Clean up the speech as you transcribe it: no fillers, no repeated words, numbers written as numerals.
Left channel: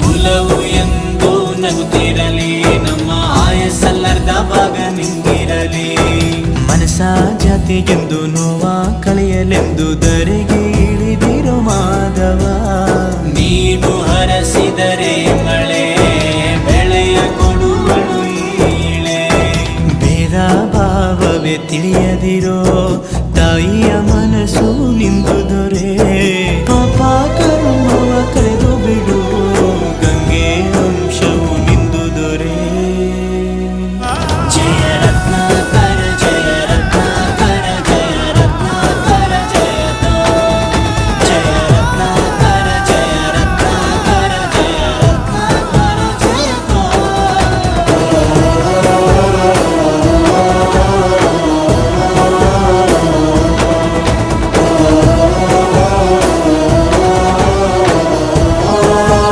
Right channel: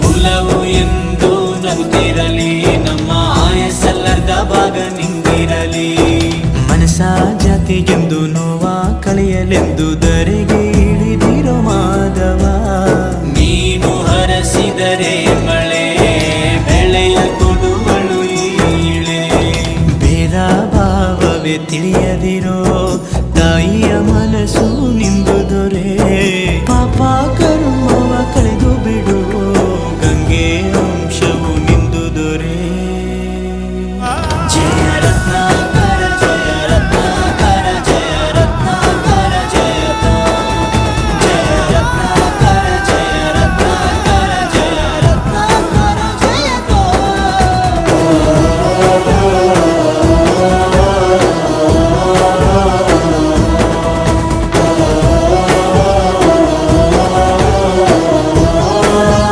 ಕುಲವು ಎಂದು ನಗುತ್ತಿರಲಿ, ನಮ್ಮ ಆಯಸ್ಸಲ್ಲರ್ಧ ಭಾಗ ನಿಂದಿರಲಿ. ಮನಸ ಜಾತಿಗೆಂದು ನೋವ ಕಳೆಯಲೆಂದು ಧರೆಗೆ ಇಳಿದಿರೋ ಮಾಧವ, ನೀನು ಹರಸಿದರೆ ಮಳೆ ಬೆಳೆಯ ಕೊಡುವಳು ಈಳೆ. ಭೇದ ಭಾವವೇ ತಿಳಿಯದಿರೋ ತಾಯಿಯ ಮನಸ್ಸು ನಿಂದು ದೊರೆ, ಪಾಪ ಕರ್ಮವ ಕಳೆದು ಬಿಡು